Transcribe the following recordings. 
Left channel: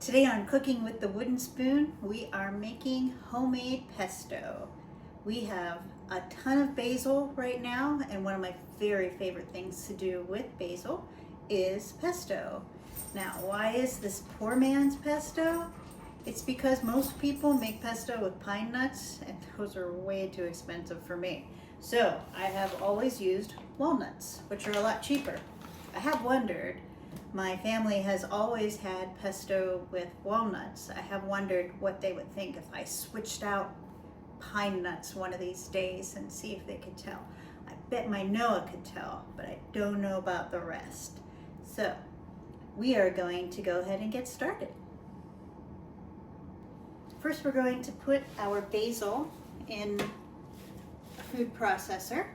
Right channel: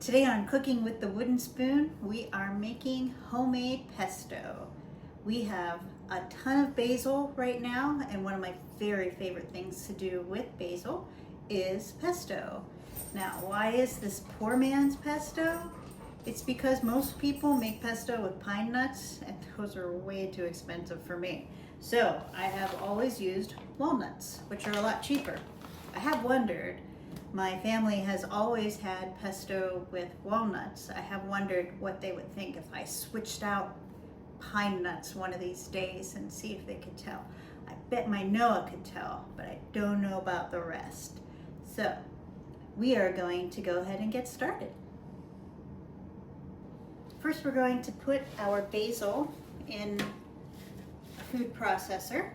Today on Cooking with the Wooden Spoon, we are making homemade pesto. We have a ton of basil right now, and one of my very favorite things to do with basil is pesto. Now, why is this poor man's pesto? It's because most people make pesto with pine nuts, and those are way too expensive for me. So I have always used walnuts, which are a lot cheaper. I have wondered, my family has always had pesto with walnuts. I have wondered what they would think if I switched out pine nuts one of these days and see if they could tell. I bet my Noah could tell, but I don't know about the rest. So we are going to go ahead and get started. First, we're going to put our basil in a food processor.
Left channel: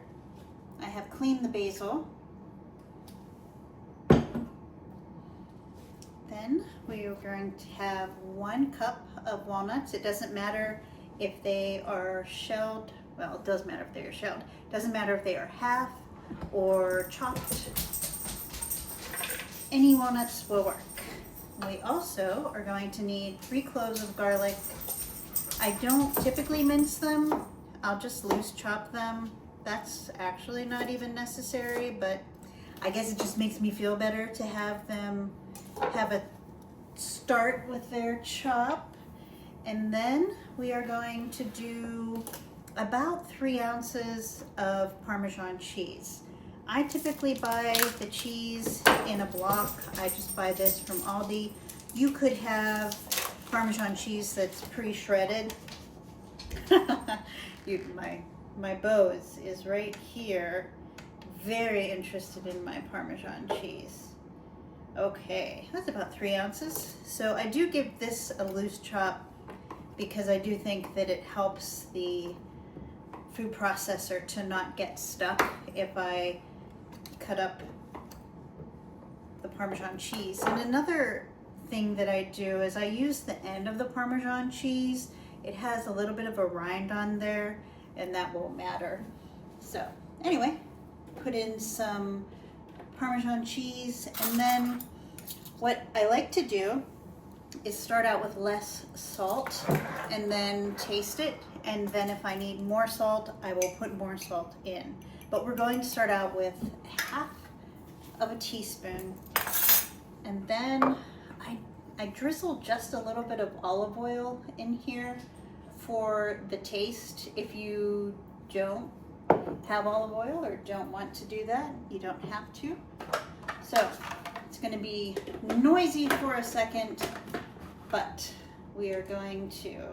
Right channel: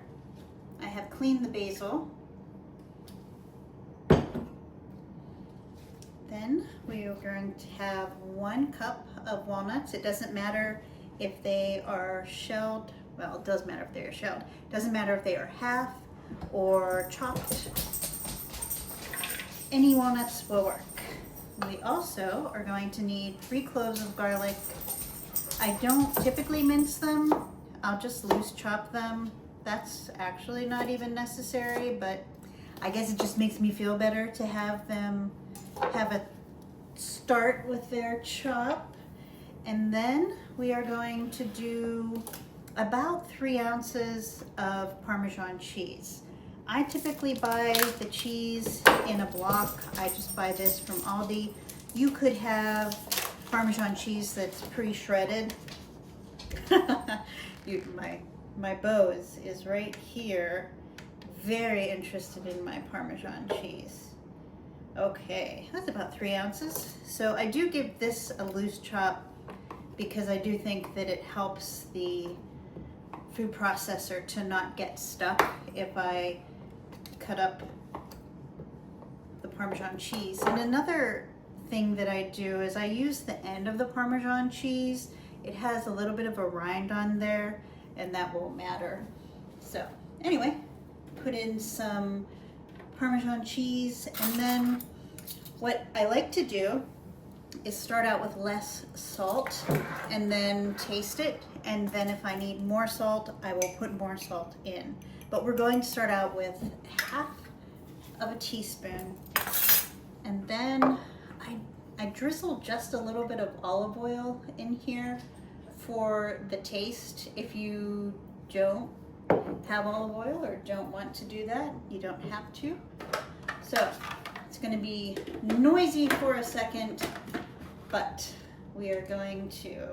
I have cleaned the basil. Then we are going to have 1 cup of walnuts. It doesn't matter if they are shelled. Well, it does matter if they are shelled. It doesn't matter if they are half or chopped. Any walnuts will work. We also are going to need 3 cloves of garlic. I don't typically mince them. I'll just loose chop them. That's actually not even necessary, but I guess it just makes me feel better to have them have a start with their chop. And then we are going to do about 3 ounces of Parmesan cheese. I typically buy the cheese in a block. I just buy this from Aldi. You could have Parmesan cheese that's pre-shredded. My beau is right here, very interested in my Parmesan cheese. Okay, that's about 3 ounces. So I do give this a loose chop because I do think that it helps the food processor to not get stuck if I cut up the Parmesan cheese. And another thing that I do is I use the end of the Parmesan cheese. It has a little bit of a rind on there, and that won't matter. So anyway, put in some Parmesan cheese, and then what I like to do is start out with less salt and then taste it, and then if I need more salt, I will put more salt in. But we're going to start out with half of a teaspoon, and then I drizzle just a little bit of olive oil in here for the taste. If you don't have olive oil or don't want to do that, you don't have to. So it's going to be noisy for a second, but we are going to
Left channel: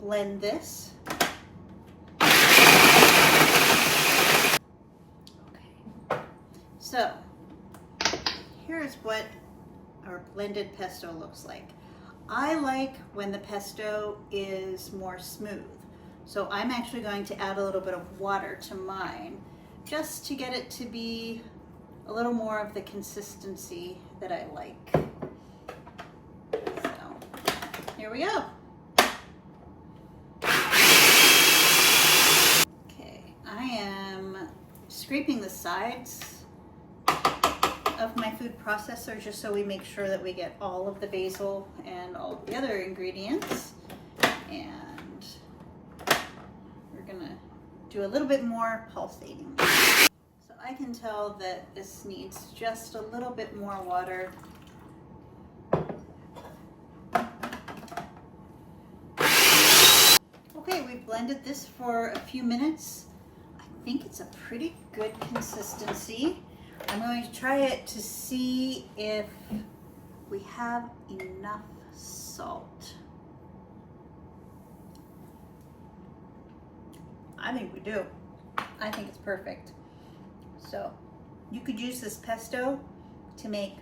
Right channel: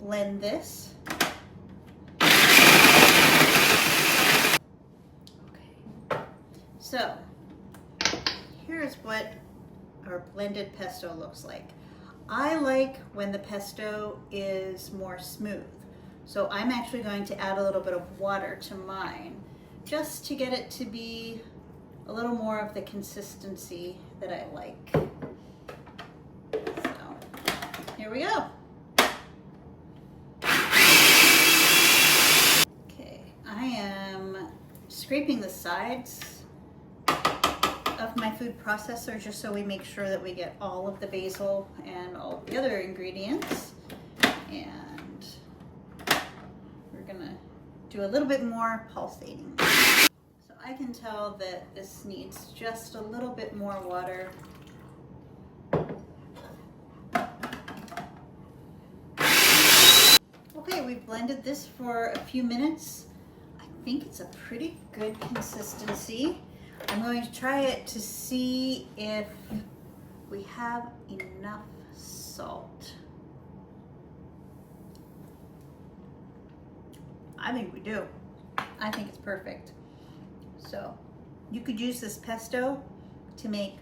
blend this. Okay, so here's what our blended pesto looks like. I like when the pesto is more smooth. So I'm actually going to add a little bit of water to mine just to get it to be a little more of the consistency that I like. So here we go. Okay, I am scraping the sides of my food processor just so we make sure that we get all of the basil and all of the other ingredients. And we're gonna do a little bit more pulsating. So I can tell that this needs just a little bit more water. Okay, we've blended this for a few minutes. I think it's a pretty good consistency. I'm going to try it to see if we have enough salt. I think we do. I think it's perfect. So you could use this pesto to make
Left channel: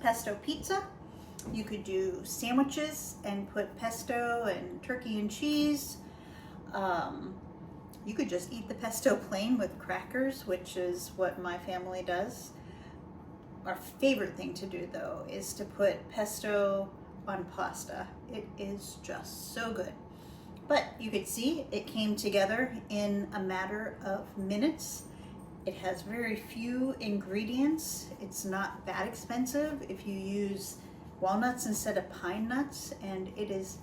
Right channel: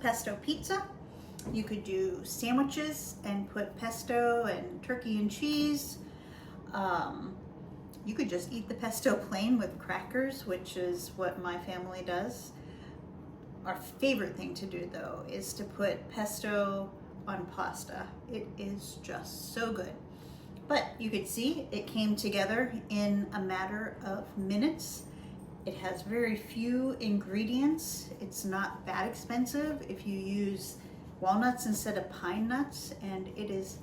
pesto pizza. You could do sandwiches and put pesto and turkey and cheese. You could just eat the pesto plain with crackers, which is what my family does. Our favorite thing to do, though, is to put pesto on pasta. It is just so good. But you could see it came together in a matter of minutes. It has very few ingredients. It's not that expensive if you use walnuts instead of pine nuts, and it is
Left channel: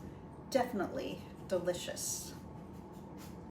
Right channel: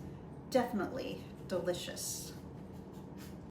definitely delicious.